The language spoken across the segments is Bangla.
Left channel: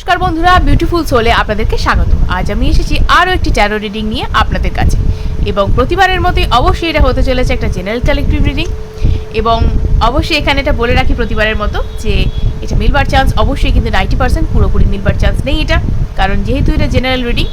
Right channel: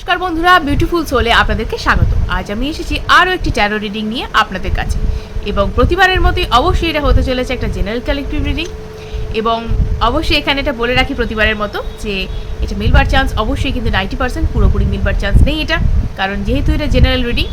নমস্কার বন্ধুরা বিউটিফুল সোলে আপনাদেরকে স্বাগত। আজ আমি এসেছি আরও একটি ট্যারো রিডিং নিয়ে আপনাদের কাছে। এবং প্রতিবারের মতোই অবশ্যই এটা হতে চলেছে একটা জেনারেল কালেকটিভ রিডিং এবং অবশ্যই এখানে এটা বলে রাখি প্রতিবারের মতো যে, এটা মিলবার চান্স অবশ্যই কিন্তু নাইনটি পার্সেন্ট পুরোপুরি মিলবার চান্স নেই এটা। কারণ যেহেতু এটা জেনারেল রিডিং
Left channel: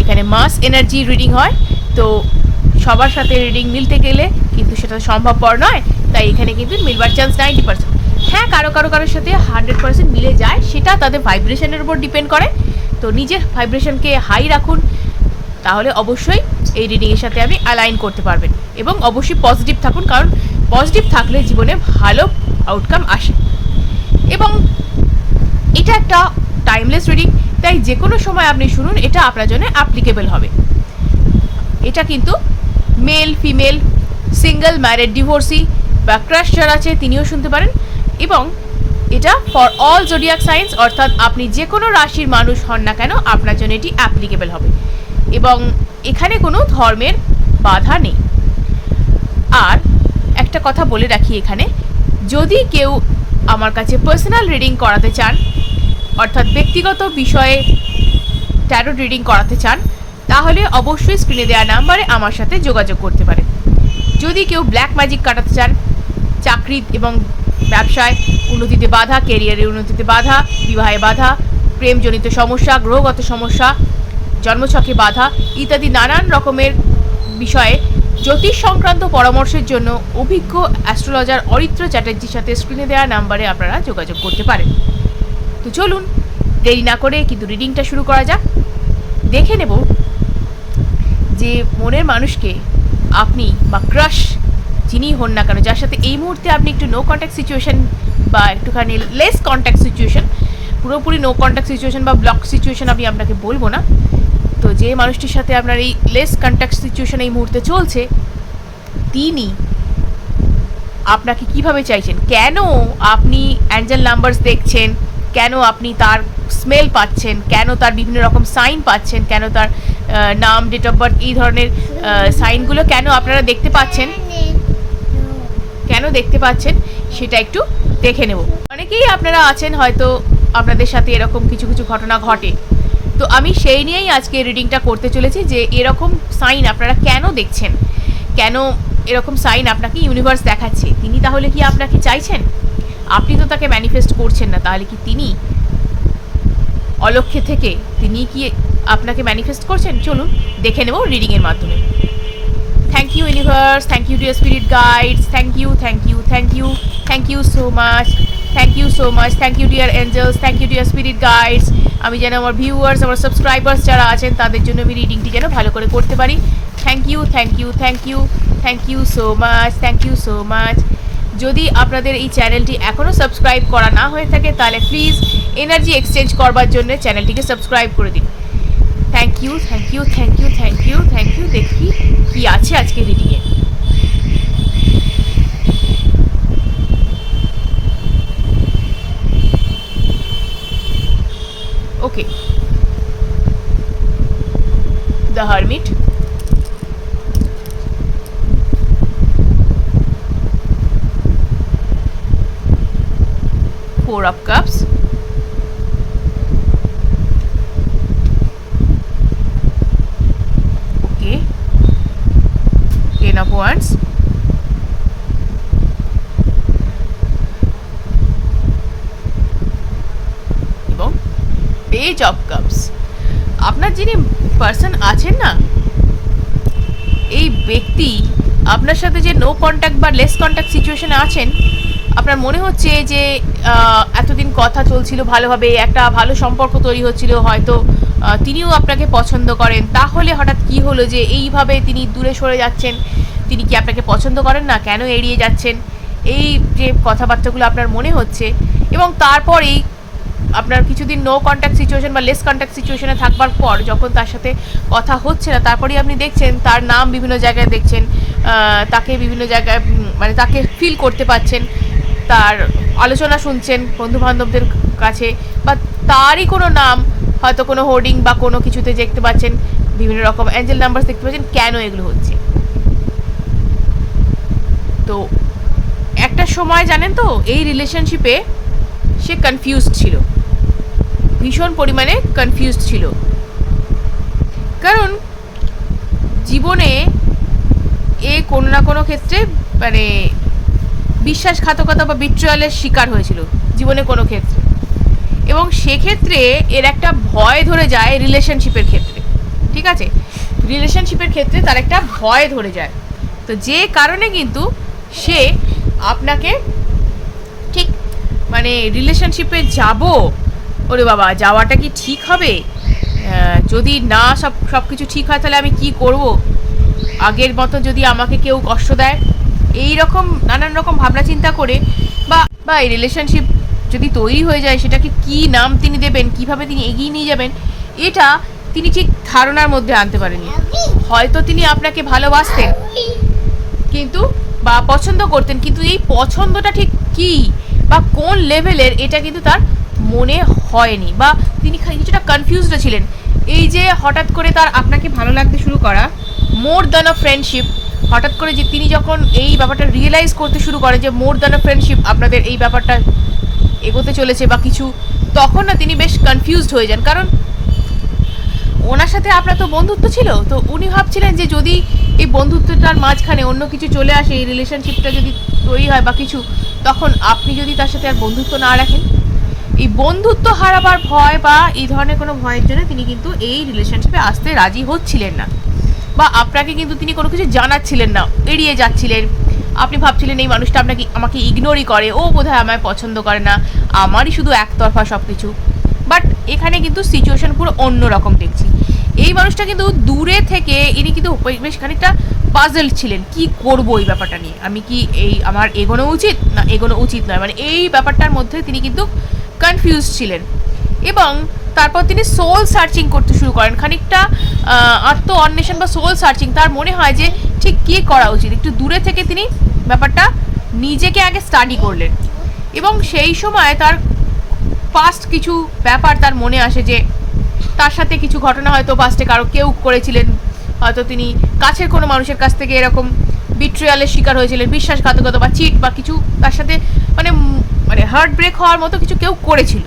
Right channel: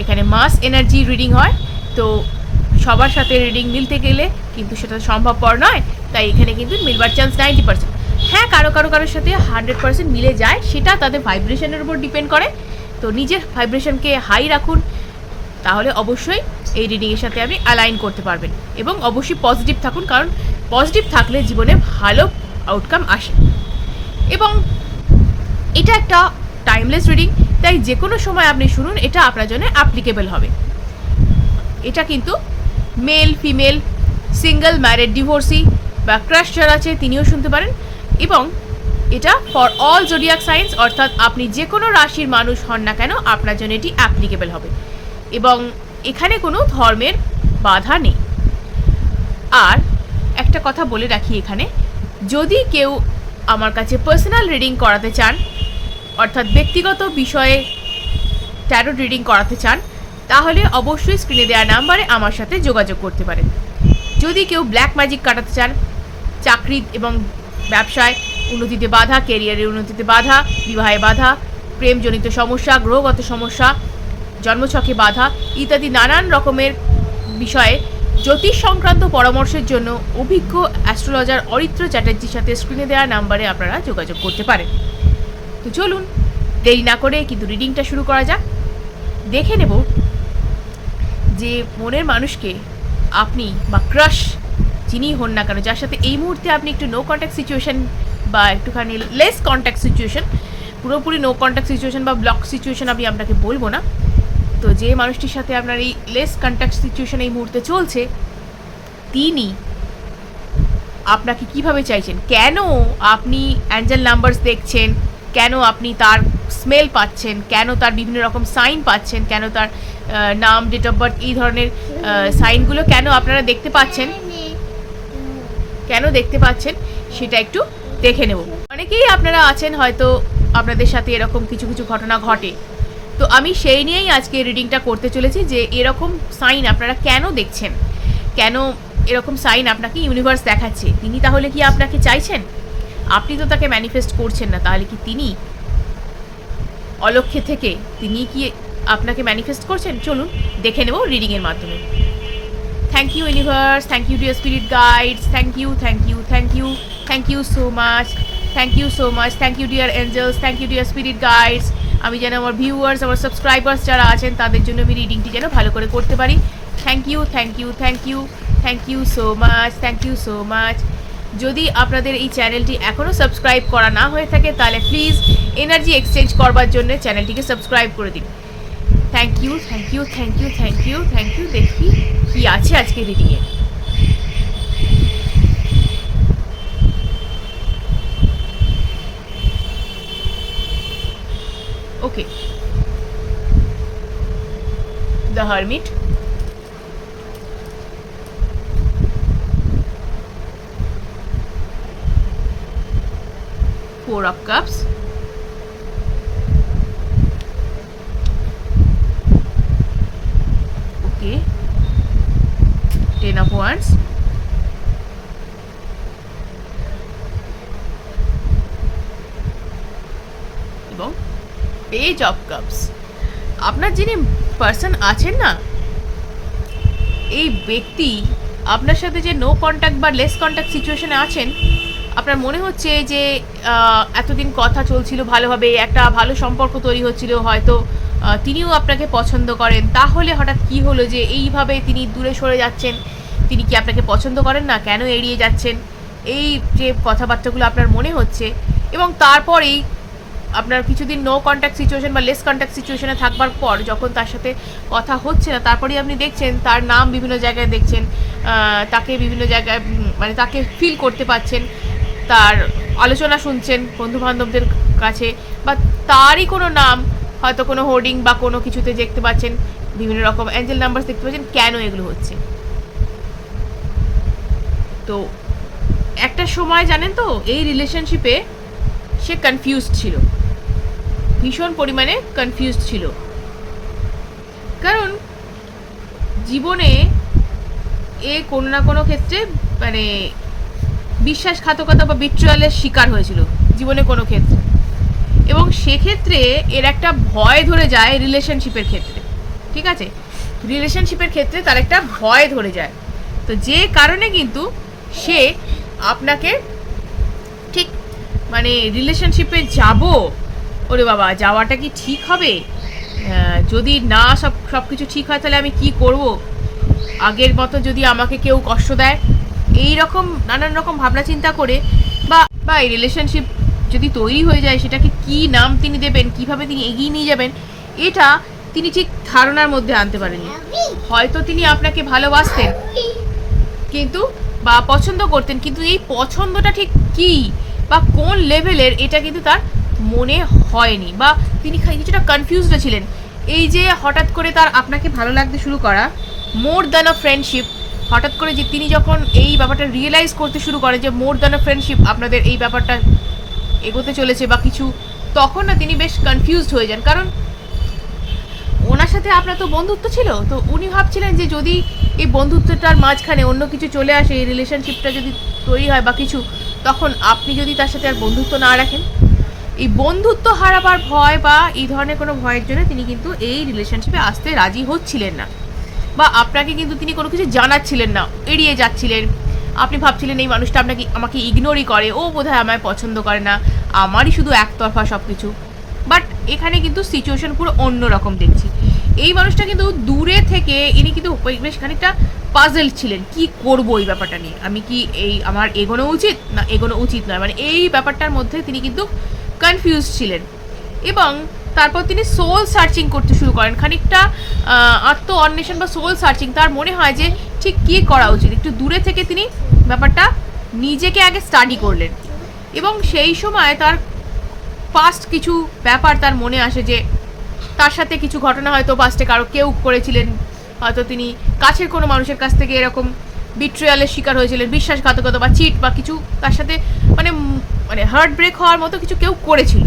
এখানে মাস এনার্জি রিডিং হয়, তো সবার সাথে রিডিং মিলতে গেলে কিন্তু সেটা সম্ভবপর নয়। তাই এখানে কিন্তু মিলবার চান্স নাইনটি পার্সেন্ট হ্যাঁ কারও কারও কারোর সাথে হান্ড্রেড পার্সেন্ট মিলে যায়, সেটা তাদের ভাইব্রেশনের উপর ডিপেন্ড করে। তো নিজের ভাইব্রেশনকে হাই রাখুন, তাহলে অবশ্যই এই রিডিংয়ের সাথে আপনি অ্যালাইন করতে পারবেন। এবং অবশ্যই পজিটিভ থাকুন, কারণ পজিটিভ থাকলে জীবনে ভালো আউটকাম আসে। এবং এটা একটা টাইমলেস রিডিং তাই যে কোনো সময় আপনি শুনুন, এটা আপনার জন্য অ্যাপ্লিকেবল হবে। এটা কিন্তু male female single married divorcee বা ক্রাশ যারা আছে, তিনিও শুনতে পারেন। এবং এটা ফর অল জোডিয়াক সায়েন্স অর্থাৎ আপনি যে কোনো রাশির মানুষ হন না কেন, আপনার জন্য এটি অ্যাপ্লিকেবল হবে। এবং এখানে কোনো ধর্মের বাধা নেই। আর একটা কথা বলে রাখি এখানে, যদি কেউ আমার কাছে পার্সোনাল রিডিং করাতে চান, অর্থাৎ ব্যক্তিগত বিষয়ে ট্যারো রিডিং করাতে চান, তাহলে অবশ্যই স্ক্রিনে দেওয়া নাম্বারে আমার সাথে যোগাযোগ করতে পারেন। যদি কেউ ব্ল্যাক ম্যাজিক কাটাতে চান, চাকরি এবং ব্যবসায় উন্নতিতে বাধা কেরিয়ারের উন্নতিতে বাধা, বিবাহে বাধা, প্রেমজনিত সমস্যা, গ্রহগত সমস্যা, জন্মছকে বাধা ইত্যাদি নানান রকমের বিষয়ে জ্যোতিষ সংক্রান্ত পরামর্শের জন্য অভিজ্ঞ অ্যাস্ট্রোলজার অরিত্র চ্যাটার্জির সাথে স্ক্রিনে দেওয়া নাম্বারে আপনারা যোগাযোগ করতে পারেন। তো চলুন, দেরি না করে কিন্তু রিডিংটা শুরু করা যাক। দেখে নেব যে মনের মানুষকে আপনি বা ক্রাশ যিনি হন না কেন, যার সাথে এই মুহূর্তে আপনি একটু নো কন্ট্যাক্ট সিচুয়েশন বা একটুখানি লেস কন্ট্যাক্ট সিচুয়েশন পুরোপুরি নো কন্ট্যাক্ট সিচুয়েশন বা ব্লক সিচুয়েশন আমি আপনাকে বলব না। তো যে মানুষটির সাথে আপনার এই লেস কন্ট্যাক্ট সিচুয়েশন এই মুহূর্তে চলছে, তিনি আপনাকে কীভাবে চাইছেন? কেন আপনি অ্যাঞ্জেল নাম্বারস দেখছেন? কেন আপনি তার স্মেল পাচ্ছেন? কেন তার বিভিন্ন রকম সাইন পাচ্ছেন? কেন তার নাম ডেট অফ বার্থ এই ধরনের সাইনগুলো কেন আপনারা দেখতে পাচ্ছেন? কেন দেখতে পাচ্ছেন সেটা একটু দেখে নেব। অনেকেই আপনারা আছেন হয়তো আপনাদের সাথে এরকম কিছু কিছু ঘটনা ঘটে। তো আমি সেই নিয়েই আজকে রিডিংটা করতে চলেছি যে এরকম সাইন আপনারা কেন দেখছেন? কেন এরকম সাইন আপনাকে ইউনিভার্স দেখাচ্ছে? তিনি তাহলে কি আপনাকে চাইছেন? আপনি তো তাকে ম্যানিফেস্ট করছেন না, তাহলে কি তিনি অলক্ষ্যে থেকে তিনি কি আপনাকে ম্যানিফেস্ট করছেন? চলুন দেখে নেব রিডিংয়ের মাধ্যমে। Thank you universe thank you dear spirit guides thank you thank you thank you thank you so much thank you so much thank you dear angels thank you dear spirit guides আমি যেন আমার ভিউয়ার্স আমার সাবস্ক্রাইবার্স যারা আছেন, তাদের জন্য আমি রিডিংটি যেন ভালো করে করতে পারি। Thank you thank you thank you thank you so much thank you so much যদি আপনাদের এই চ্যানেলটি এখনও সাবস্ক্রাইব করা না হয়ে থাকে, তাহলে প্লিজ এনার্জি এক্সচেঞ্জ করবার জন্য চ্যানেলটিকে সাবস্ক্রাইব করে দিন। Thank you thank you thank you thank you thank you দেখি কি আছে আজকে রিডিংয়ে okay the hermit four of cups wands এবং পেজ অফ কাপস আপনার যিনি পার্সন আছেন না, এই ব্যক্তি আপনার সাথে যে নো কন্ট্যাক্ট বা লেস কন্ট্যাক্ট সিচুয়েশনে আছেন, আপনার মনে হচ্ছে যে এতদিন কথা চলছিল ভালোভাবে, একটা ভালো সম্পর্ক তৈরি হচ্ছিল, হয়তো তিনিও আপনাকে পছন্দ করেন। তাহলে হঠাৎ কি হলো যে, এইভাবে তিনি দূরে সরে যাচ্ছেন? তিনি কি আপনাকে পছন্দ করেন না? কেন এড়িয়ে যাচ্ছেন? এই যে কথাবার্তাগুলো আপনার মনে হচ্ছে এবং তারপরেই আপনার কিছুদিন নো কন্ট্যাক্ট সিচুয়েশন বা লেস কন্ট্যাক্ট সিচুয়েশনে থাকবার পর যখন তার সাথে কথা হচ্ছে না, তারপরেই আপনি দেখছেন তার নাম বিভিন্ন জায়গায় দেখছেন তাকে বিভিন্ন জায়গায় মানে তাকে ফিল করতে পাচ্ছেন, তার আলোচনা শুনছেন বন্ধু বান্ধবদের কাছে বা তারই কোনো নাম, হয়তো কোনো হোর্ডিং বা কোনো কিছুতে দেখতে পাচ্ছেন, বিভিন্ন রকম অ্যাঞ্জেল নাম্বার দেখতে পাচ্ছেন, কেন এগুলো হচ্ছে? তো একটা সময় জানেন তো, এই রিলেশনশিপে সে কনফিউজ ছিল। ভীষণ পরিমাণে কনফিউজড ছিল। কারণ জীবনে এ কোনো না কোনো ক্ষেত্রে মানে বিশ্বাসঘাতকতা বা বিট্রয়ালের শিকার হয়েছিল, জীবনে কোনো ক্ষেত্রে। এবং সেক্ষেত্রে এর একটা ভয় ধরে যায় রিলেশনশিপের ক্ষেত্রে, ঠিক আছে? রিলেশনশিপের ক্ষেত্রে তার একটা ভয় ধরে যায়। তো যে কারণে কিন্তু সে আপনাকে ঠিক মানে রিলেশনশিপে যাব? ওরে বাবা, যাওয়াটা কি ঠিক হবে? যদি না সব সব কিছু ঠিক হয়, তাহলে আমি কি করব? আগের মতো যদি আমাকে কেউ কষ্ট দেয়? এই রকম নানান রকম ভাবনা চিন্তা করে, বা বা এই রিলেশনশিপ যদি তৈরি হয়ে যায়, সেটাকে কি নাম তিনি দেবেন? কীভাবে তিনি এগিয়ে নিয়ে যাবেন? এটা তিনি ঠিক ধারণার মধ্যে আনতে পারেননি। হয়তো তিনি আপনাকে ভালোবাসতেন। কিন্তু বা পছন্দ করতেন, কিন্তু এই পছন্দটা ঠিক কি বা কোন লেভেলের এটা কিন্তু তার মনে হয়নি বা তিনি কিছুটা কনফিউজড ছিলেন। এই যে হঠাৎ করে তার আপনাকে ভালো লাগতে শুরু করা মোর দ্যান আ ফ্রেন্ডশিপ হঠাৎ করে যে তিনি যখন এই ব্যাপারটা রিয়েলাইজ করতে শুরু করে যে মোর দ্যান আ ফ্রেন্ডশিপ আপনাদের এই ব্যাপারটা এগোতে চলেছে বা কিছু, তখন না তিনি বেশ কনফিউজড হয়ে যান। কারণ ওনার সাথে আপনার তো বন্ধুত্ব ছিল? তো উনি ভাবছিলেন যে যদি এই বন্ধুত্বটার মাঝখানে অন্য কিছু চলে আসে, এই রিলেশনশিপটা যদি তৈরি হয় বা কিছু, তখন আপনি যদি তার সাথে আর বন্ধুত্ব না রাখেন? এই বন্ধুত্ব হারাবার ভয় বা এই ধরনের কোনো ভয়ের জন্য তিনি কিন্তু এই রিলেশনশিপে আসতে রাজি হচ্ছিলেন না। বা আপনাকে কিন্তু তিনি কোনো কিছু জানাচ্ছিলেন না, এড়িয়ে যাচ্ছিলেন। আপনি ভাবছিলেন এই মানুষটা আপনাকে, আমাকে ইগনোরই করে, ও বোধহয় আমায় পছন্দ করে না, আমারই শুধু একতরফা সব কিছু বাট এখানে কিন্তু সিচুয়েশন পুরো অন্য রকম দেখছি। এই মানুষটা কিন্তু দূরে থেকে ইনি কিন্তু বেশ খানিকটা পাজল ছিলেন। কি করব এই ব্যাপারটা নিয়ে? আমি কি এই আমার এগোনো উচিত? না, এগোনো উচিত নয়। মানে এই ব্যাপারটার মধ্যে তিনি কিন্তু কনফিউজ ছিলেন। এবং তারপর তিনি সোল সার্চিং করতে শুরু করেন। খানিকটা আত্ম অন্বেষণ বা সোল সার্চিং তার মনে হয় যে ঠিক কী করা উচিত? একটু দূরে থেকে তিনি ব্যাপারটা নিজেকে আগে স্টাডি করলেন। এবং সেই সময় তার ফার্স্ট কিছু ব্যাপার তার মনে আসে যে তার সাথে কিছু ঘটনা হয়তো পাস্টে কারও কেউ করেছিলেন। হয়তো তিনি কাছের কোনো মানুষের কাছ থেকে এরকম বিট্রিয়ালের শিকার হয়েছিলেন, বিশ্বাসঘাতকতা বা চিট বা কিছু তার সাথে মানে মানে হার্ট ব্রেক হওয়ার মতো কিছু কেউ করেছিল।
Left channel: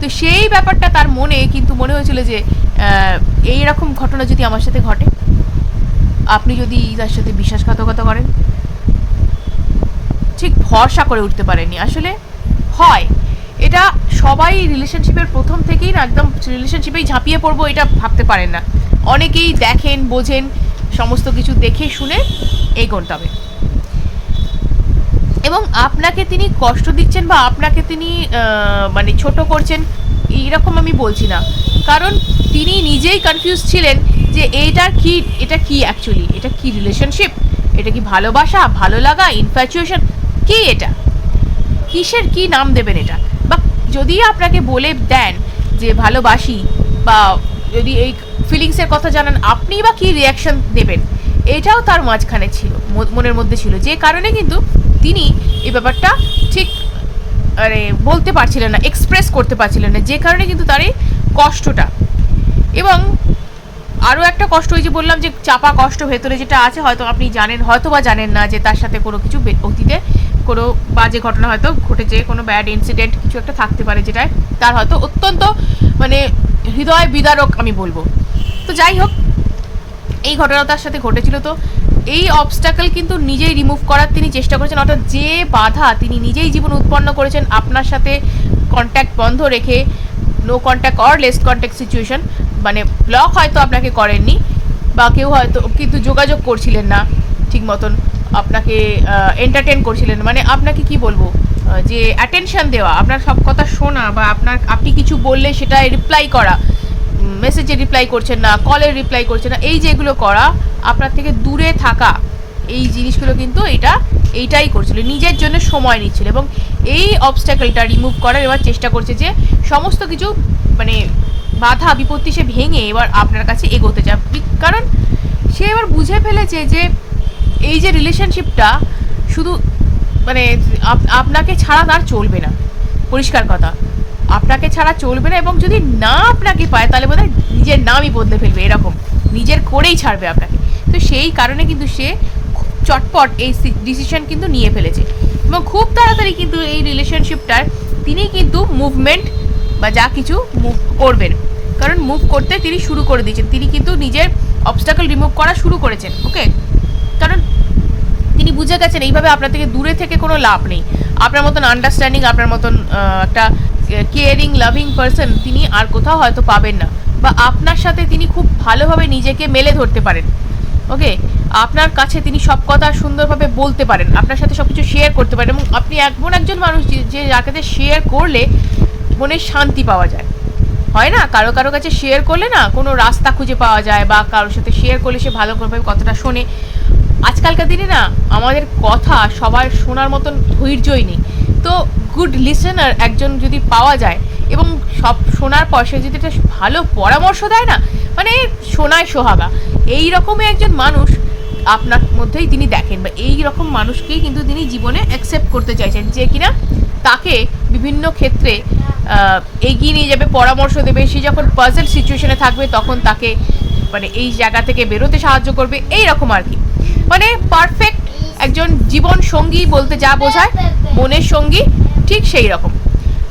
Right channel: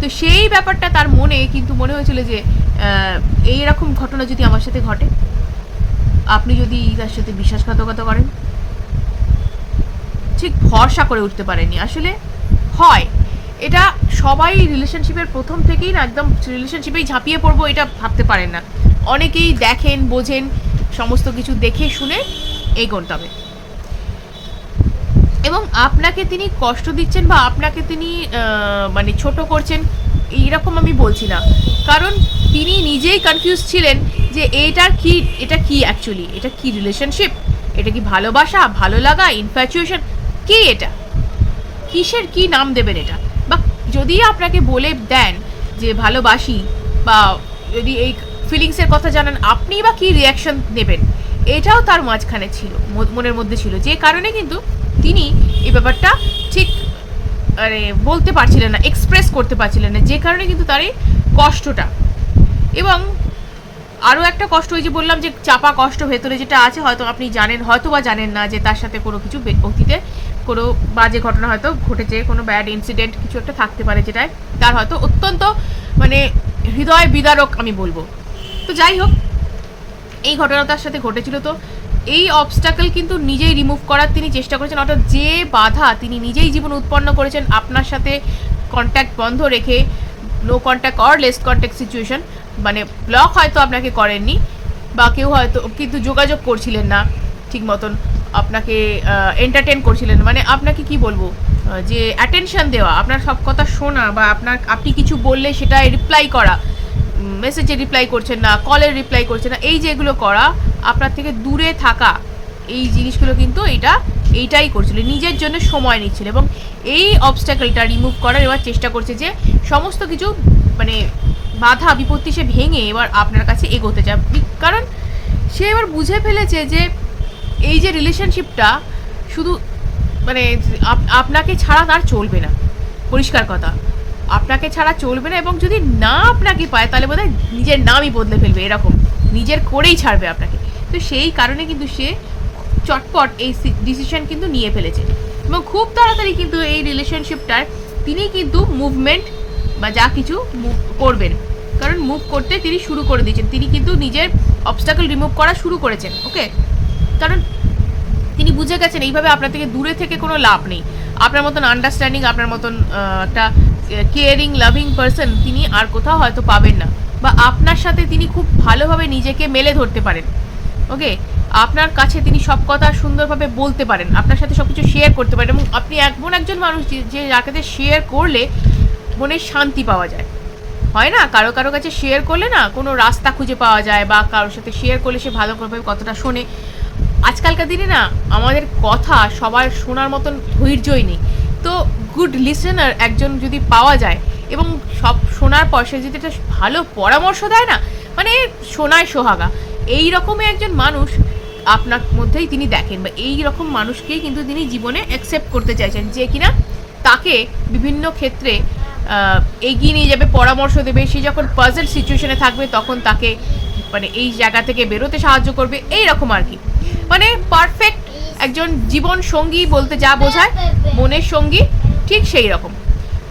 তো সেই ব্যাপারটা তার মনে কিন্তু মনে হয়েছিল যে এই রকম ঘটনা যদি আমার সাথে ঘটে, আপনি যদি তার সাথে বিশ্বাসঘাতকতা করেন, ঠিক ভরসা করে উঠতে পারেনি আসলে হয়। এটা সবাই রিলেশনশিপের প্রথম থেকেই না একদম রিলেশনশিপেই ঝাঁপিয়ে পড়ব এটা ভাবতে পারেন না। অনেকেই দেখেন, বোঝেন, সমস্ত কিছু দেখে শুনে এগোন তবে। এবং আপনাকে তিনি কষ্ট দিচ্ছেন বা আপনাকে তিনি মানে ছোট করছেন, এইরকম আমি বলছি না। কারণ তিনি নিজেই কনফিউজ ছিলেন যে এইটার কি, এটা কি অ্যাকচুয়ালি এটা কি রিলেশনশিপ এটা কি ভালোবাসা? ভালো লাগা? ইনফ্যাচুয়েশন কি এটা? কিসের কি নাম দেবেন এটা? যদি আপনাকে বলে দেন যে ভালোবাসি বা যদি এই ফিলিংসের কথা জানান আপনি বা কি রিয়াকশন দেবেন এটাও তার মাঝখানে ছিল মনের মধ্যে ছিল। যে কারণে কিন্তু তিনি এই ব্যাপারটা ঠিক মানে বলতে পারছিলেন না এক্সপ্রেস করতে পারছিলেন না। যে কারণে কিন্তু তার এই কষ্টটা। এবং আরও একটা কষ্ট, ওই যে বললাম যে চাপা কষ্ট ভেতরে যেটা আছে, হয়তো আপনি জানেন হয়তো বা জানেন না যে তার সাথে কোনো কিছু অতীতে কোনো বাজে ঘটনা হয়তো ঘটেছে, কোনো ব্যাড ইনসিডেন্ট কিছু একটা থাকতে পারে যেটায় তার হয়তো অত্যন্ত মানে হৃদয় বিদারক আমি বলব। তো যাই হোক, এই ঘটনা তার সাথে ঘটেছিল তো। এই অবস্টাকল কিন্তু নিজেই রিমুভ করার তিনি চেষ্টা করেছেন, অর্থাৎ যে বাধা তিনি নিজেই জীবন উৎপন্ন করেছেন আপনার সাথে কন্ট্যাক্ট বন্ধ রেখে no contact or less contact situation মানে ব্লক হয়তো আপনাকে করেননি, বা কেউ হয়তো কিন্তু যোগাযোগ করছিলেন না ঠিক মতন। আপনাকে এন্টারটেন করছিলেন। মানে আপনাকে কি বলব? যে অ্যাটেনশন দেওয়া, আপনার সব কথা শোনা বা আপনার, আপনি কিছু বললে সেটা রিপ্লাই করা মেসেজে রিপ্লাই করছেন না কলের রিপ্লাই করছেন না, এই যে এগুলো করা, আপনার থেকে দূরে থাকা, এই জিনিসগুলো কিন্তু এটা, এইটাই করছিল। নিজের জন্য সময় নিচ্ছিল এবং এই অবস্ট্যাকলটা রিমুভ করার এবার চেষ্টা করছে যে সমস্ত কিছু মানে বাধা বিপত্তি সে ভেঙে এবার আপনার কাছে এগোতে চায়। কারণ সে এবার বুঝে ফেলেছে যে এই যে রিলেশনশিপটা শুধু মানে আপনাকে ছাড়া তার চলবে না। পরিষ্কার কথা। আপনাকে ছাড়া চলবে না এবং যদি না আপনাকে পায়, তাহলে বোধহয় নিজের নামই বদলে ফেলবে, এরকম। নিজের করেই ছাড়বে আপনাকে। তো সেই কারণে কিন্তু সে চটপট এই ডিসিশন কিন্তু নিয়ে ফেলেছে। এবং খুব তাড়াতাড়ি কিন্তু এই রিলেশনশিপটার তিনি কিন্তু মুভমেন্ট বা যা কিছু মুভ করবেন। কারণ মুভ করতে তিনি শুরু করে দিয়েছেন। তিনি কিন্তু নিজের অবস্টাকল রিমুভ করা শুরু করেছেন ওকে কারণ তিনি বুঝে গেছেন, এইভাবে আপনার থেকে দূরে থেকে কোনো লাভ নেই। আপনার মতন আন্ডারস্ট্যান্ডিং আপনার মতন একটা কেয়ারিং লাভিং পারসন তিনি আর কোথাও হয়তো পাবেন না। বা আপনার সাথে তিনি খুব ভালোভাবে নিজেকে মেলে ধরতে পারেন। ওকে? আপনার কাছে তিনি সব কথা সুন্দরভাবে বলতে পারেন। আপনার সাথে সব কিছু শেয়ার করতে পারেন এবং আপনি এমন একজন মানুষ যে- যাকে শেয়ার করলে মনে শান্তি পাওয়া যায়। হয় না? কারও কারও কাছে শেয়ার করলে না কোনো রাস্তা খুঁজে পাওয়া যায় বা কারোর সাথে শেয়ার করলে সে ভালো করে কতটা শোনে। আজকালকার দিনে না, আমাদের কথা সবার শোনার মতন ধৈর্যই নেই। তো গুড লিসেনার একজন যদি পাওয়া যায় এবং সব শোনার পর সে যদি একটা ভালো পরামর্শ দেয় না মানে শোনায় সোহাগা। এই রকমই একজন মানুষ আপনার মধ্যেই তিনি দেখেন বা এই রকম মানুষকেই কিন্তু তিনি জীবনে অ্যাকসেপ্ট করতে চাইছেন যে কিনা তাকে বিভিন্ন ক্ষেত্রে এগিয়ে নিয়ে যাবে, পরামর্শ দেবে। সে যখন পাজেল সিচুয়েশনে থাকবে তখন তাকে মানে এই জায়গা থেকে বেরোতে সাহায্য করবে। এই রকম আর কি। মানে পারফেক্ট একজন জীবন সঙ্গী বলতে যা বোঝায়, মনের সঙ্গী, ঠিক সেই রকম।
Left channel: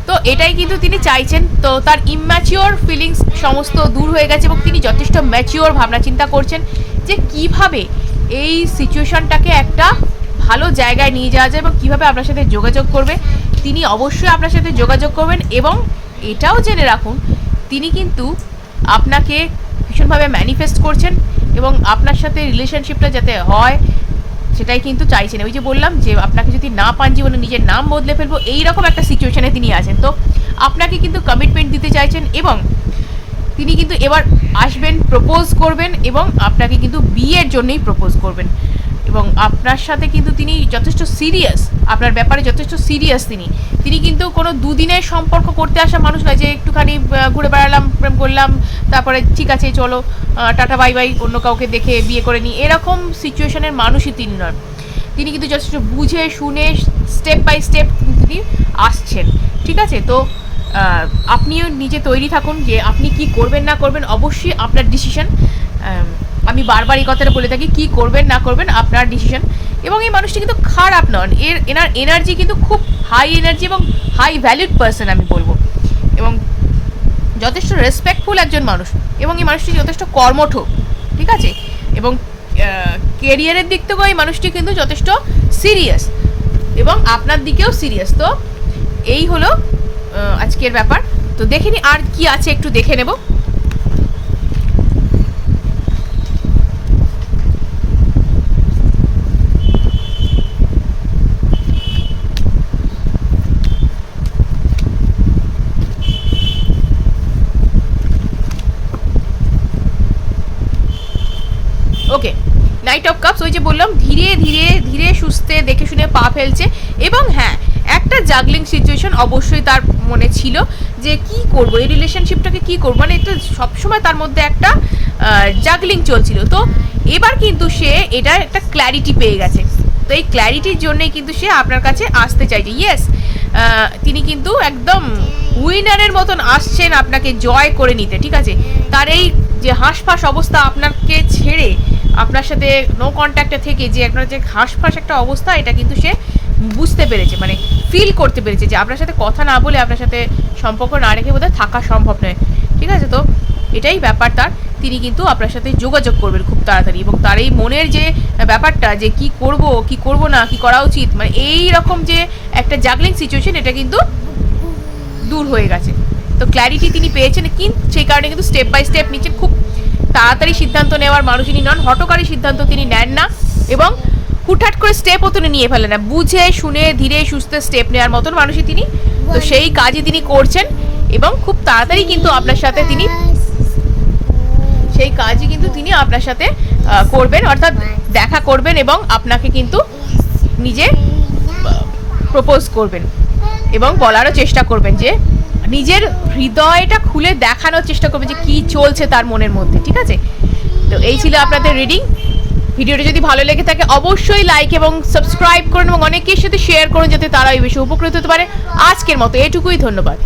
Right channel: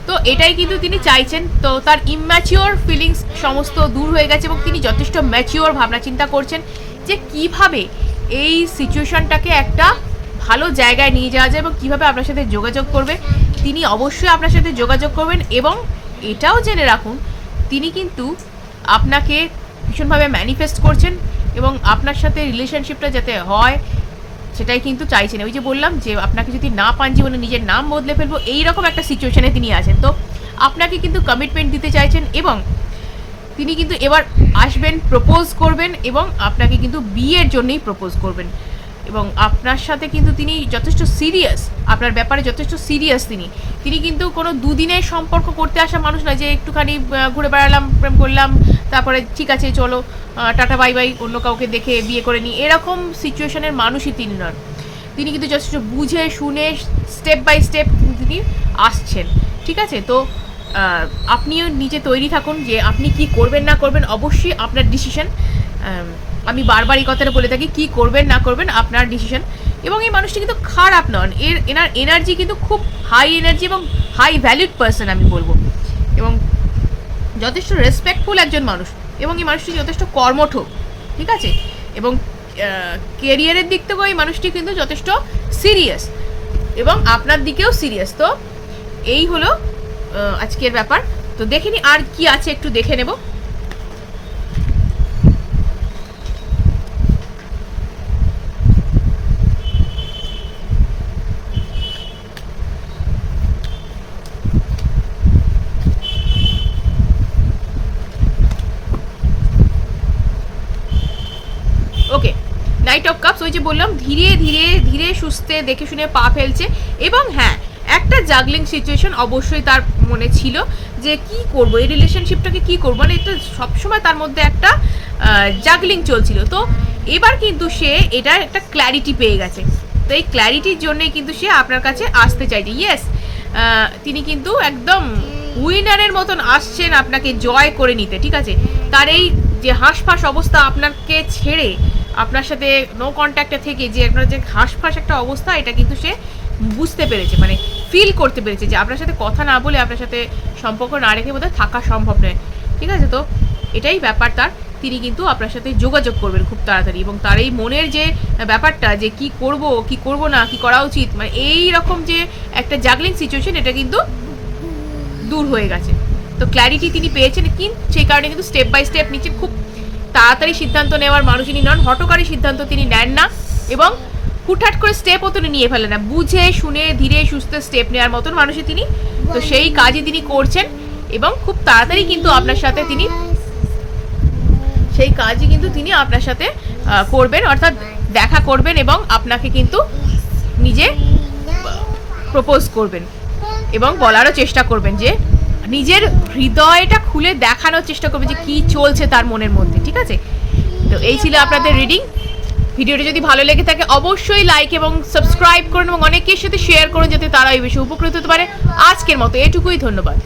তো এটাই কিন্তু তিনি চাইছেন। তো তার ইম্যাচিওর ফিলিংস সমস্ত দূর হয়ে গেছে এবং তিনি যথেষ্ট ম্যাচিওর ভাবনা চিন্তা করছেন যে কীভাবে এই সিচুয়েশনটাকে একটা ভালো জায়গায় নিয়ে যাওয়া যায় এবং কীভাবে আপনার সাথে যোগাযোগ করবে। তিনি অবশ্যই আপনার সাথে যোগাযোগ করবেন এবং এটাও জেনে রাখুন, তিনি কিন্তু আপনাকে ভীষণভাবে ম্যানিফেস্ট করছেন। এবং আপনার সাথে রিলেশনশিপটা যাতে হয়, সেটাই কিন্তু চাইছেন। ওই যে বললাম যে আপনাকে যদি না পান জীবনে, নিজের নাম বদলে ফেলব, এইরকম একটা সিচুয়েশানে তিনি আছেন। তো আপনাকে কিন্তু কমিটমেন্ট দিতে চাইছেন এবং তিনি কিন্তু এবার আসবেন প্রপোজ করবেন এবং আপনাকে কিন্তু বিয়ের জন্যই প্রপোজ করবেন। এবং আপনার সাথে কিন্তু তিনি যথেষ্ট সিরিয়াস আপনার ব্যাপারে যথেষ্ট সিরিয়াস তিনি। তিনি কিন্তু কোনো দুদিনের সম্পর্ক করতে আসা মানুষ নয় যে একটুখানি ঘুরে বেড়ালাম, প্রেম করলাম, তারপরে ঠিক আছে, চলো টাটা, বাই বাই, অন্য কাউকে দেখে বিয়ে করে নিই এরকম সিচুয়েশনের মানুষই তিনি নন। তিনি কিন্তু যথেষ্ট বুঝে, শুনে স্টেপ বাই স্টেপ তিনি আসছেন। ঠিক আছে? তো আপনিও নিজে তৈরি থাকুন যে আপনি কি করবেন, না করবেন, অবশ্যই আপনার ডিসিশন আমি বারবার এই কথাটা বলে থাকি, কি করবেন, না করবেন, আপনার ডিসিশন এবং এই মানুষটি কিন্তু খারাপ নন। এর, এনার এনার্জি কিন্তু খুব হাই এনার্জি এবং হাই ভ্যালুড পার্সন আমি বলব। এবং যথেষ্ট রেসপেক্টফুল একজন মানুষ। এবং এই মানুষটি যথেষ্ট কর্মঠ। ঠিক আছে? এবং কেরিয়ারের দিক থেকেও এই মানুষটি কিন্তু যথেষ্ট সিরিয়াস এবং আপনার দিকেও সিরিয়াস তো এই হলো আজকের ব্যাপার। তো দেখে আর কি আছে, একটু দেখে নেব ওকে নাইট অফ কাপস ওই যে বললাম, ধীরে ধীরে ধীরে সুস্থে দেখে শুনে পা ফেলছে। এবং হ্যাঁ একটা জাগলিং সিচুয়েশন অবশ্যই তার মনে ছিল যে কি করব, এই রিলেশনশিপটাকে কি করব? মানে এটা সবসময় তার মধ্যে একটা জাগলিং চলছিল। তো এবার কিন্তু সে এটা একটা ক্ল্যারিটি পেয়ে গেছে। তো এই ক্ল্যারিটির জন্যই কিন্তু সে আপনার কাছে আসতে চাইছে। ইয়েস তিনি কিন্তু একদম উইনারের মতন আসছেন আপনাকে জয় করে নিতে, ঠিক আছে? তার এই যে হাঁসফাঁস অবস্থা আপনাকে ছেড়ে আপনার সাথে নো কন্ট্যাক্টে থেকে যে আপনার যে হাঁসফাঁস একটা অবস্থা, এটা কিন্তু সে বুঝতে পেরেছে মানে ফিল করতে পেরেছে যে আপনার সাথে কথা না বলে আপনার সাথে সম্পর্ক না রেখে বোধহয় থাকা সম্ভব নয়। ঠিক আছে তো? এটাই ব্যাপার তার। তিনি কিন্তু আপনার সাথে যোগাযোগ করবেন খুব তাড়াতাড়ি এবং তার এই মনের যে ব্যাপারটা যে কি করব কি করব না, কি করা উচিত মানে এই রকম যে একটা জাগলিং সিচুয়েশন এটা কিন্তু দূর হয়ে গেছে। তো ক্ল্যারিটি তিনি পেয়েছেন, কিন্তু সেই কারণে কিন্তু স্টেপ বাই স্টেপ নিচে খুব তাড়াতাড়ি সিদ্ধান্ত নেওয়ার মানুষ তিনি নন হটকারী সিদ্ধান্ত তিনি নেন না এবং হুটহাট করে স্টেপও তিনি নিয়ে ফেলেন না। বুঝে শুনে ধীরে সুস্থে স্টেপ নেওয়ার মতন মানুষই তিনি। তো সেই কাজই তিনি করছেন এবং খুব তাড়াতাড়ি কিন্তু আপনার সাথে তিনি সেই কাজই কিন্তু তিনি আপনার সাথে করবেন অর্থাৎ দেখা করবেন এবং আপনাকে কিন্তু নিজে প্রপোজ করবেন এবং বলারও চেষ্টা করবেন যে নিজের হৃদয়টা খুলে দেখানোর চেষ্টা করবে যে কি চলছে তার মনের মধ্যে, ঠিক আছে? তো এই ছিল আপনাদের রিডিং ভিডিওটা যদি ভালো লেগে থাকে, অবশ্যই লাইক এবং সাবস্ক্রাইব করুন এবং অনেকের সাথে শেয়ার করুন, যাতে তারা এই বিষয়ে উপকৃত হতে পারে। আজকের মতো এটুকুই, ধন্যবাদ।